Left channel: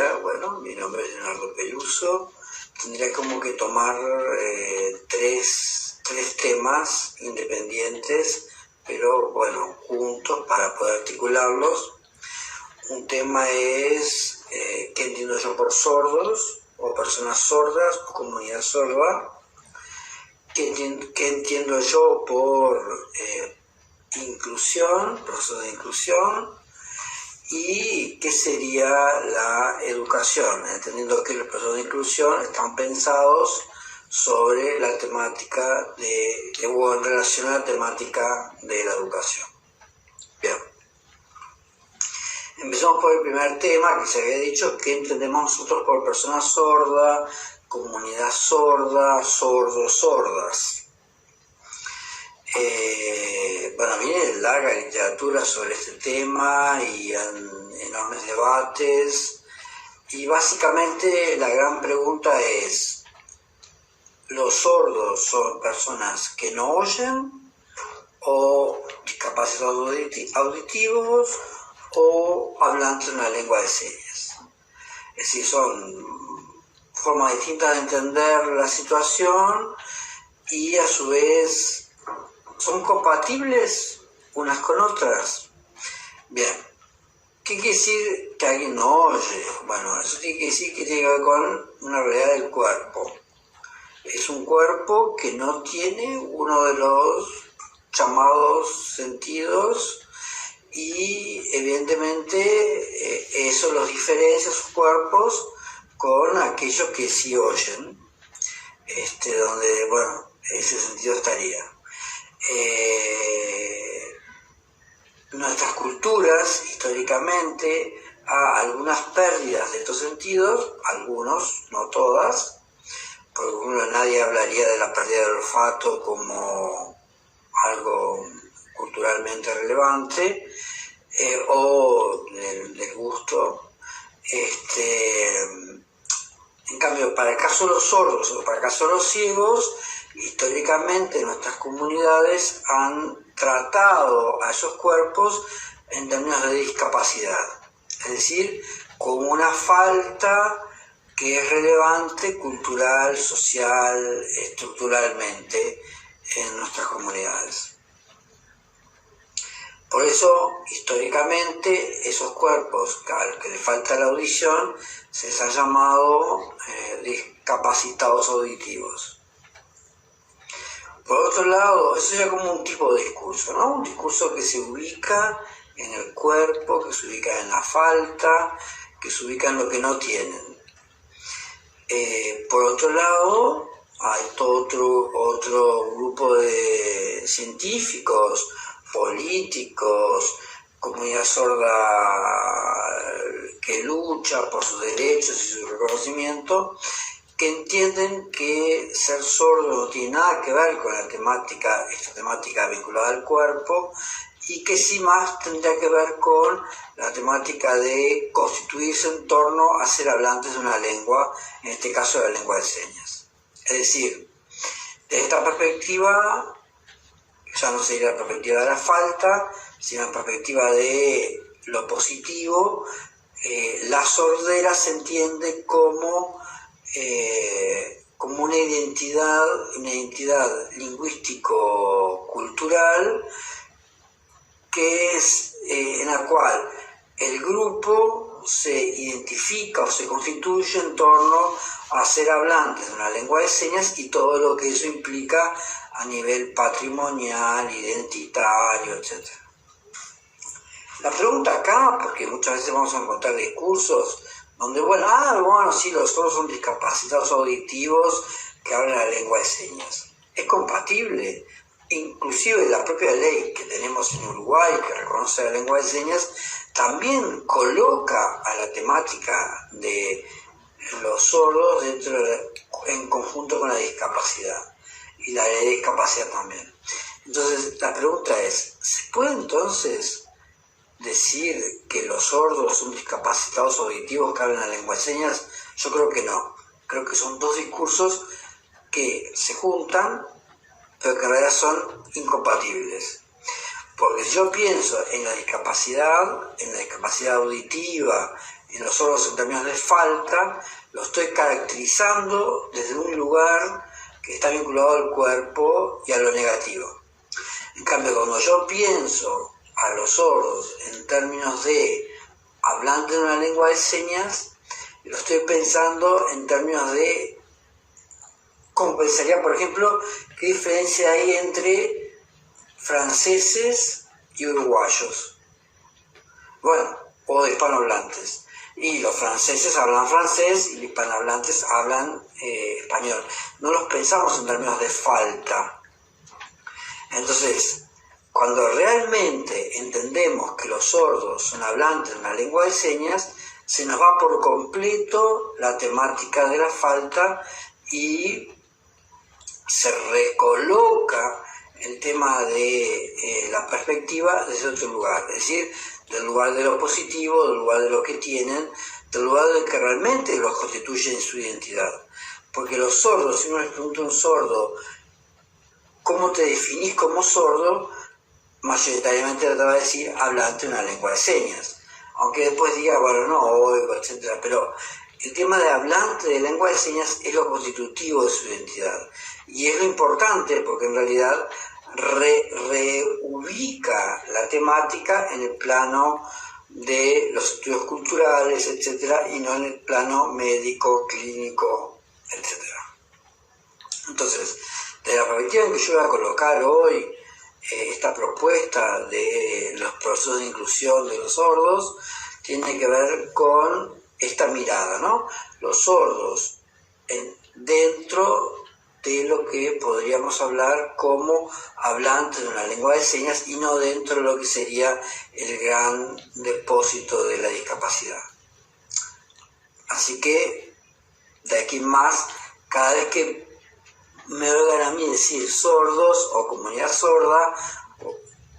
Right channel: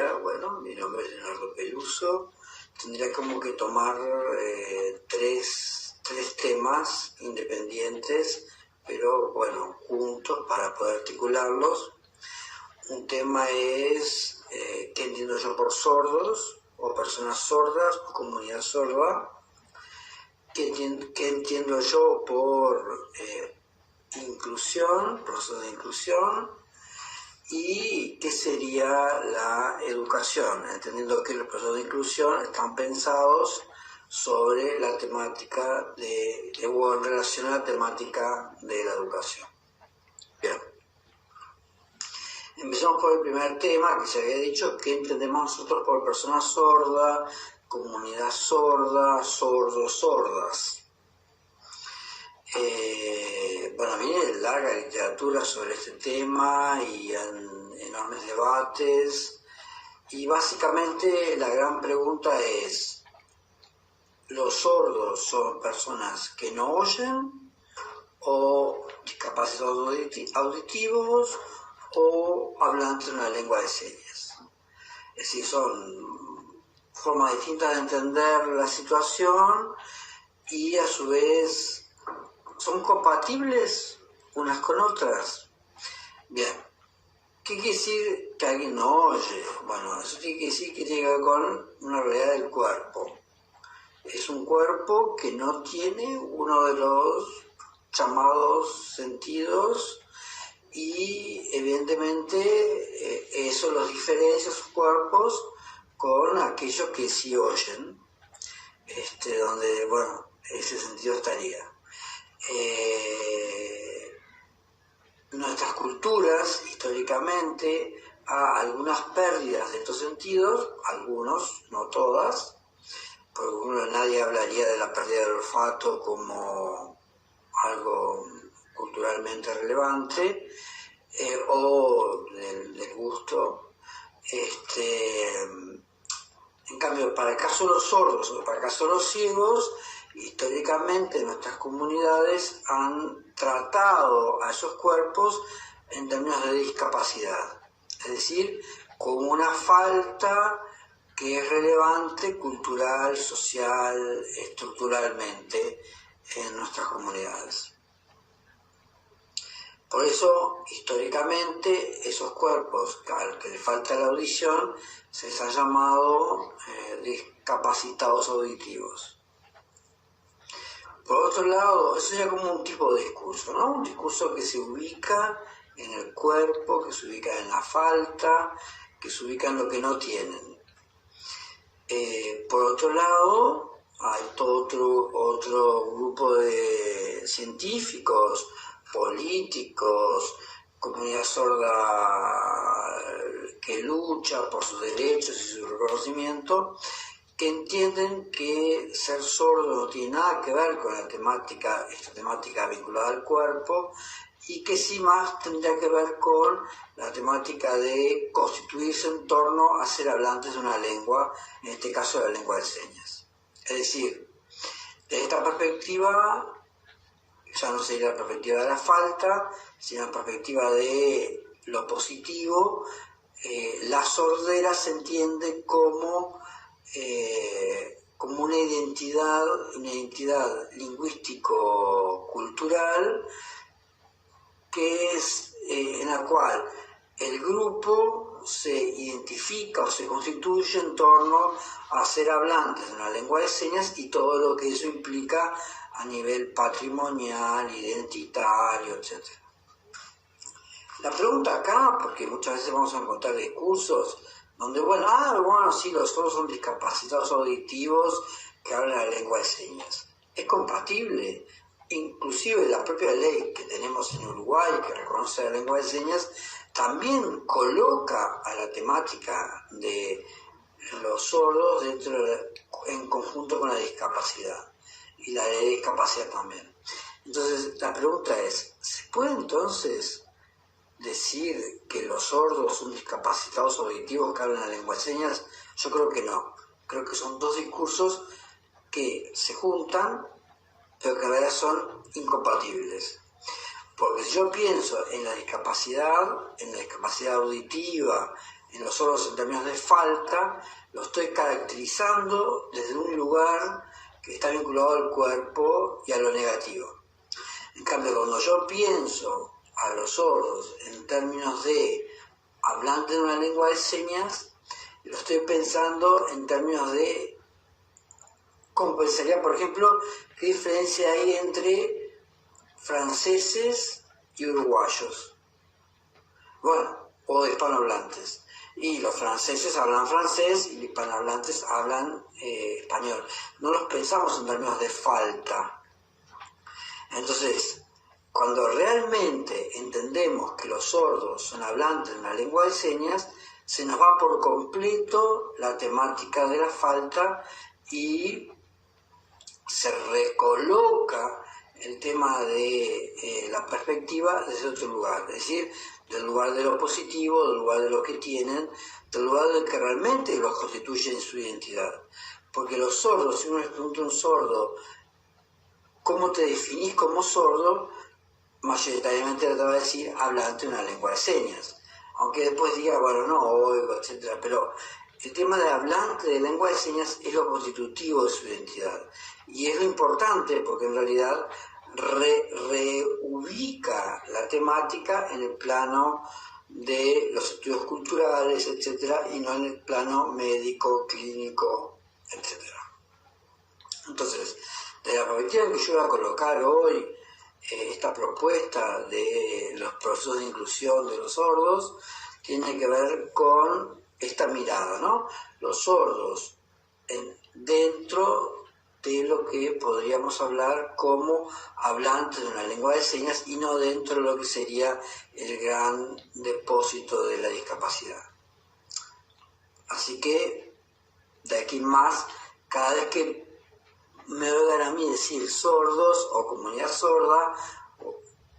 sería, bueno, mi nombre es Leonardo Peluso, tendría como que tomar tres temas independientes, pero bueno, juntos para poder articularlos. Un tema es qué entiendo yo por sordos, o personas sordas, o comunidad sorda. ¿Qué entiendo yo por inclusión, proceso de inclusión? ¿Y qué sería la educación? Entendiendo que los procesos de inclusión están pensados sobre la temática o en relación a la temática de la educación. Bien. Empezamos por el primer tema que se había dicho, ¿qué entendemos nosotros por persona sorda, comunidad sorda, sordos, sordas? Bueno, viene larga literatura sobre este tema y enormes debates, y básicamente la gran pregunta es, ¿los sordos son personas que no oyen, o discapacitados auditivos, o hablantes de una lengua de señas? Es decir, son formas distintas de entender la situación y a su vez son compatibles unas con otras. Bien, ¿qué quiere decir que alguien no oye? Bueno, eso tiene que decir que tiene que ver con una realidad del cuerpo. Es un cuerpo que no tiene uno de los llamados sentidos, y evidentemente eso los diferencia, sus cuerpos, con aquellos que sí oyen, donde, bueno, ese sentido estaría. Nuestras culturas, históricamente, a algunas pérdidas de estos sentidos, algunos, no todas, por ejemplo, nadie hablaría de la pérdida del olfato como algo culturalmente relevante, o del gusto. En cambio, para el caso de los sordos o para el caso de los ciegos, históricamente nuestras comunidades han tratado a esos cuerpos en términos de discapacidad, es decir, como una falta que es relevante cultural, social, estructuralmente en nuestras comunidades. Por eso, históricamente, esos cuerpos a los que les falta la audición se les ha llamado discapacitados auditivos. Por otro lado, eso ya como un tipo de discurso, ¿no? Un discurso que se ubica en el cuerpo, que se ubica en la falta, que se ubica en lo que no tienen. Por otro lado, hay todo otro grupo de científicos, políticos, comunidad sorda que lucha por sus derechos y su reconocimiento, que entienden que ser sordo no tiene nada que ver con esta temática vinculada al cuerpo, y que sí más tendría que ver con la temática de constituirse en torno a ser hablantes de una lengua, en este caso de la lengua de señas. Es decir, desde esta perspectiva, ya no sería la perspectiva de la falta, sino la perspectiva de lo positivo, la sordera se entiende como una identidad lingüístico-cultural que es en la cual el grupo se identifica o se constituye en torno a ser hablantes de una lengua de señas y todo lo que eso implica a nivel patrimonial, identitario, etc. La pregunta acá, porque muchas veces vamos a encontrar discursos donde, sí, los sordos son discapacitados auditivos que hablan la lengua de señas. ¿Es compatible? Inclusive la propia ley que tenemos en Uruguay, que reconoce la lengua de señas, también coloca a la temática de los sordos en conjunto con la discapacidad, y la ley de discapacidad también. Entonces, la pregunta es, ¿se puede entonces decir que los sordos son discapacitados auditivos que hablan la lengua de señas? Yo creo que no. Creo que son dos discursos que se juntan, pero que en realidad son incompatibles. Porque si yo pienso en la discapacidad auditiva, en los sordos en términos de falta, lo estoy caracterizando desde un lugar que está vinculado al cuerpo y a lo negativo. En cambio, cuando yo pienso a los sordos en términos de hablante de una lengua de señas, lo estoy pensando en términos de cómo pensaría, por ejemplo, qué diferencia hay entre franceses y uruguayos. Bueno, o de hispanohablantes. Y los franceses hablan francés y los hispanohablantes hablan español. No los pensamos en términos de falta. Entonces, cuando realmente entendemos que los sordos son hablantes de una lengua de señas, se nos va por completo la temática de la falta y se recoloca el tema de la perspectiva desde otro lugar, es decir, del lugar de lo positivo, del lugar de lo que tienen, del lugar del que realmente los constituye en su identidad. Porque los sordos, si uno le pregunta a un sordo, ¿cómo te definís como sordo?, mayoritariamente le va a decir hablante de una lengua de señas. Aunque después diga, bueno, no oigo, etc. Pero el tema de hablante de lengua de señas es lo constitutivo de su identidad. Y es lo importante porque en realidad reubica la temática en el plano de los estudios culturales, etc., y no en el plano médico, clínico, etc. Entonces, de la perspectiva en que yo voy a colocar hoy esta propuesta de los procesos de inclusión de los sordos, tiene que ver con esta mirada, ¿no? Los sordos dentro de lo que podríamos hablar como hablantes de una lengua de señas y no dentro de lo que sería el gran depósito de la discapacidad. Así que, de aquí en más, cada vez que me oigan a mí decir sordos o comunidad sorda,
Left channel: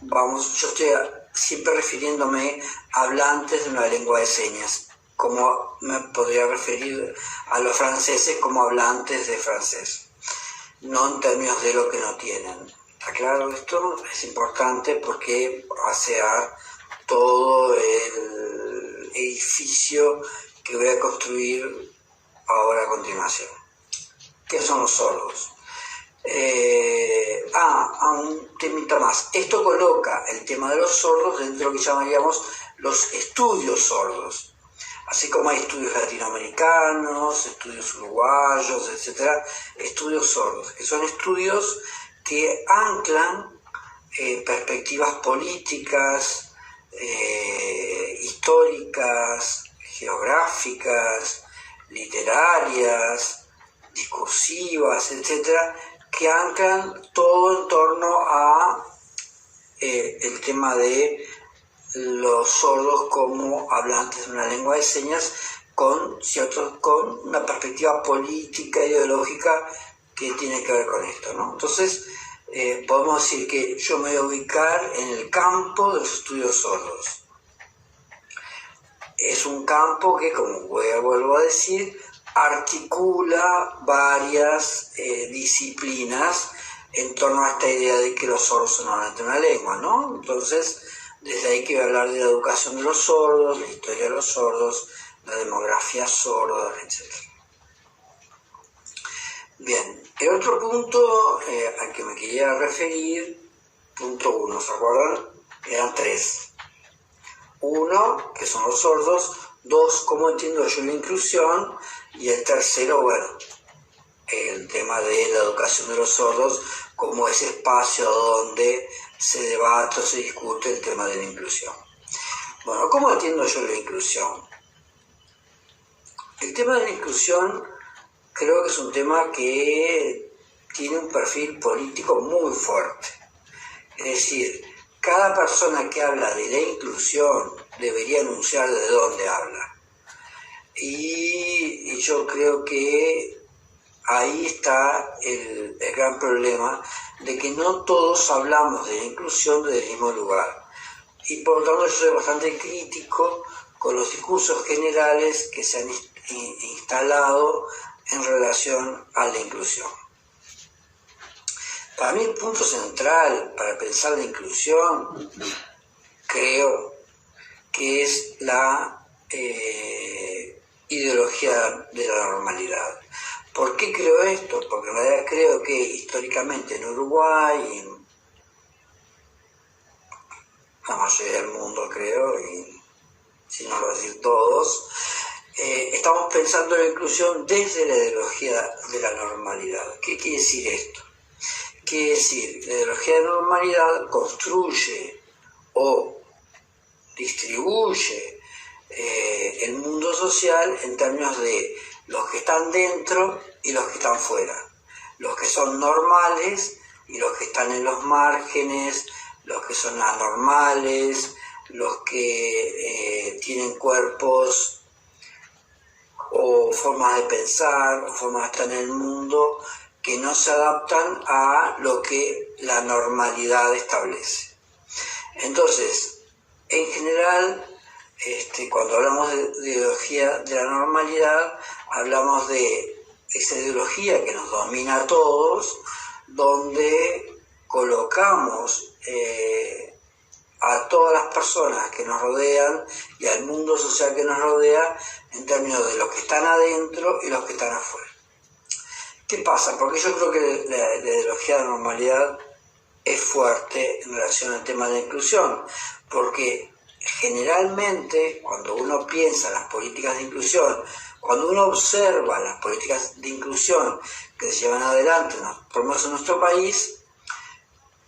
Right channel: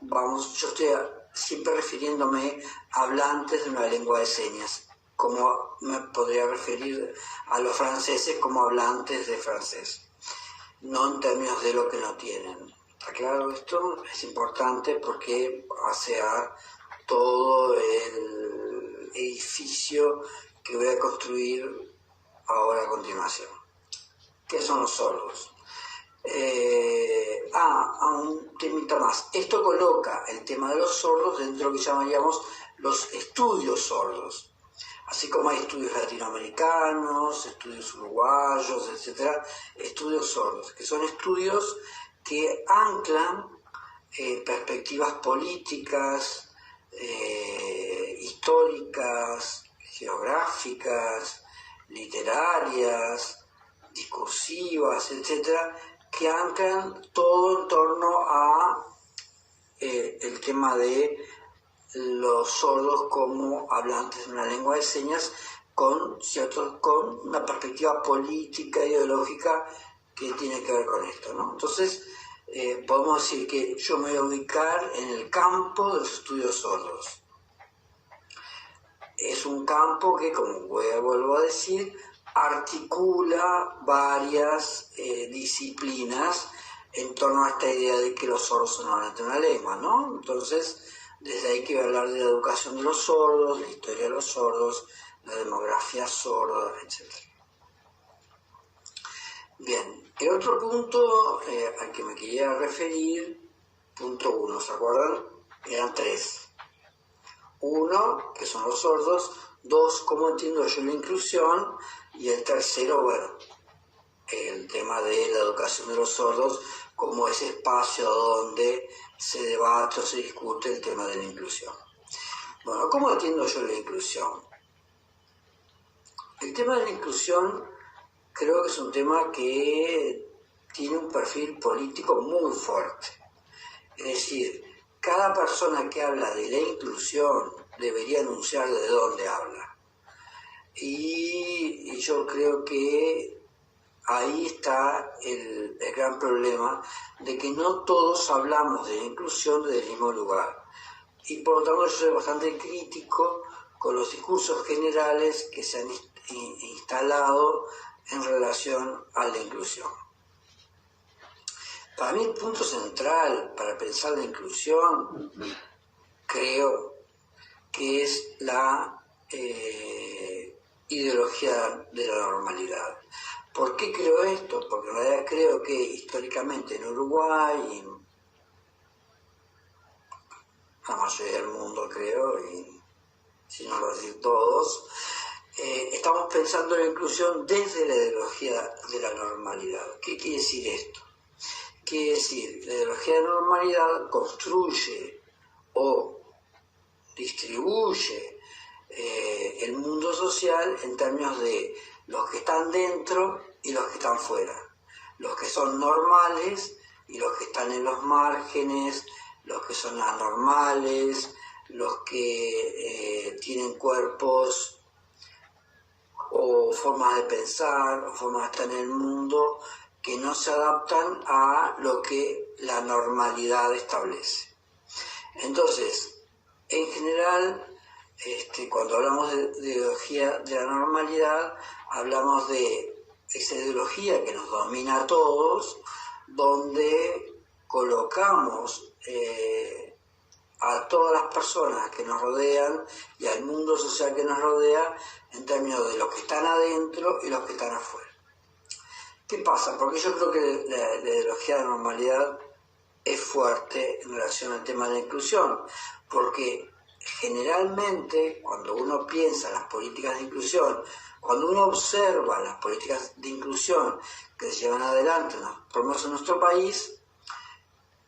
yo estoy siempre refiriéndome a hablantes de una lengua de señas, como me podría referir a los franceses como hablantes de francés, no en términos de lo que no tienen. ¿Está claro? Esto es importante porque hace a todo el edificio que voy a construir ahora a continuación. ¿Qué son los sordos? Un temita más. Esto coloca el tema de los sordos dentro de lo que llamaríamos los estudios sordos. Así como hay estudios latinoamericanos, estudios uruguayos, etc. Estudios sordos, que son estudios que anclan perspectivas políticas, históricas, geográficas, literarias, discursivas, etcétera, que anclan todo en torno a el tema de los sordos como hablantes de una lengua de señas con una perspectiva política, ideológica que tiene que ver con esto, ¿no? Entonces, podemos decir que yo me voy a ubicar en el campo de los estudios sordos. Es un campo que, como vuelvo a decir, articula varias disciplinas en torno a esta idea de que los sordos son hablantes de una lengua, ¿no? Entonces, desde ahí que voy a hablar de la educación de los sordos, la historia de los sordos, la demografía sorda, etc. Bien, el otro punto al que me quería referir, punto 1, ¿se acuerdan? Eran 3. 1, que son los sordos. 2, cómo entiendo yo la inclusión. Y el tercero, bueno, el tema de la educación de los sordos como ese espacio donde se debate o se discute el tema de la inclusión. Bueno, ¿cómo entiendo yo la inclusión? El tema de la inclusión creo que es un tema que tiene un perfil político muy fuerte. Es decir, cada persona que habla de la inclusión debería anunciar de dónde habla. Y yo creo que ahí está el gran problema de que no todos hablamos de la inclusión desde el mismo lugar. Y por lo tanto yo soy bastante crítico con los discursos generales que se han instalado en relación a la inclusión. Para mí el punto central para pensar la inclusión creo que es la ideología de la normalidad. ¿Por qué creo esto? Porque en realidad creo que históricamente en Uruguay, y en la mayoría del mundo creo, y si no lo decir todos, estamos pensando en la inclusión desde la ideología de la normalidad. ¿Qué quiere decir esto? Quiere decir, la ideología de la normalidad construye o distribuye el mundo social en términos de los que están dentro y los que están fuera, los que son normales y los que están en los márgenes, los que son anormales, los que tienen cuerpos o formas de pensar o formas de estar en el mundo que no se adaptan a lo que la normalidad establece. Entonces, en general, cuando hablamos de ideología de la normalidad, hablamos de esa ideología que nos domina a todos, donde colocamos a todas las personas que nos rodean y al mundo social que nos rodea en términos de los que están adentro y los que están afuera. ¿Qué pasa? Porque yo creo que la ideología de la normalidad es fuerte en relación al tema de la inclusión, porque generalmente cuando uno piensa en las políticas de inclusión, cuando uno observa las políticas de inclusión que se llevan adelante, por lo menos en nuestro país,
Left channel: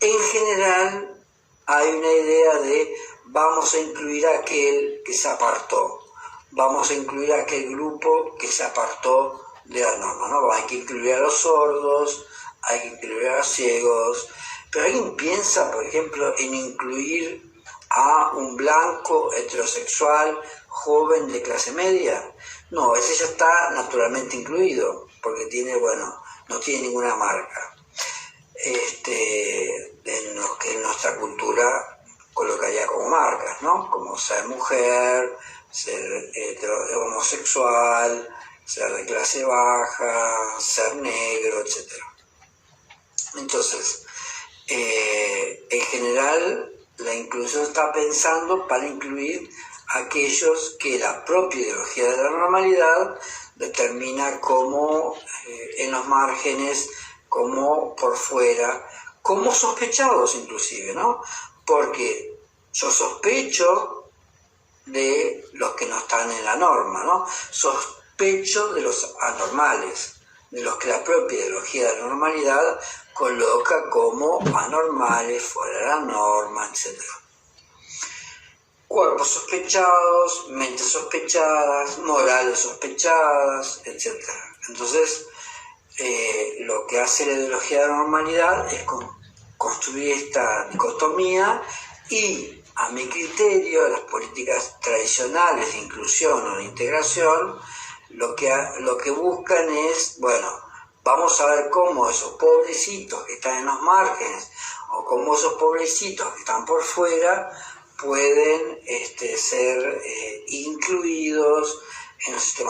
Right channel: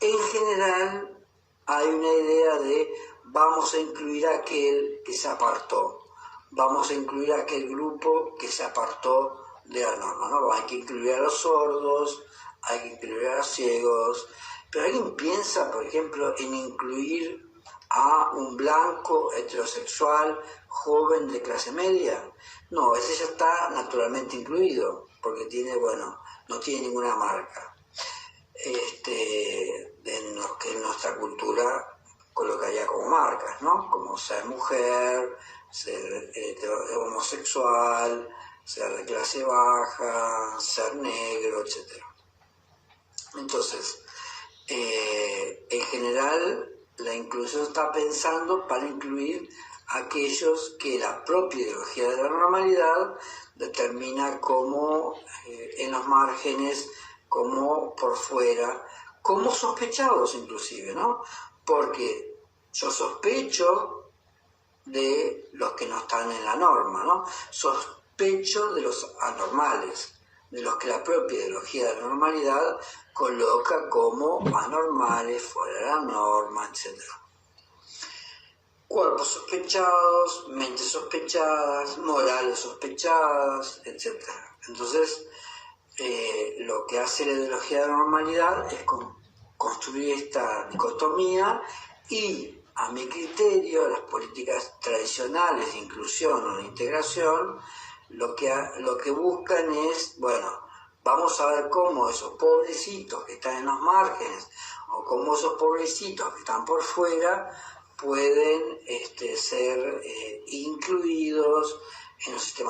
en general hay una idea de vamos a incluir a aquel que se apartó, vamos a incluir a aquel grupo que se apartó de la norma, ¿no? Hay que incluir a los sordos, hay que incluir a los ciegos, pero ¿alguien piensa, por ejemplo, en incluir a un blanco heterosexual joven de clase media? No, ese ya está naturalmente incluido, porque no tiene ninguna marca. En lo que en nuestra cultura colocaría como marcas, ¿no? Como ser mujer, ser homosexual, ser de clase baja, ser negro, etc. Entonces, en general, la inclusión está pensando para incluir a aquellos que la propia ideología de la normalidad determina como en los márgenes, como por fuera, como sospechados inclusive, ¿no? Porque yo sospecho de los que no están en la norma, ¿no? Sospecho de los anormales, de los que la propia ideología de la normalidad coloca como anormales, fuera de la norma, etc. Cuerpos sospechados, mentes sospechadas, morales sospechadas, etc. Entonces, lo que hace la ideología de la normalidad es construir esta dicotomía y, a mi criterio, las políticas tradicionales de inclusión o de integración lo que buscan es, vamos a ver cómo esos pobrecitos que están en los márgenes o cómo esos pobrecitos que están por fuera pueden ser incluidos en los sistemas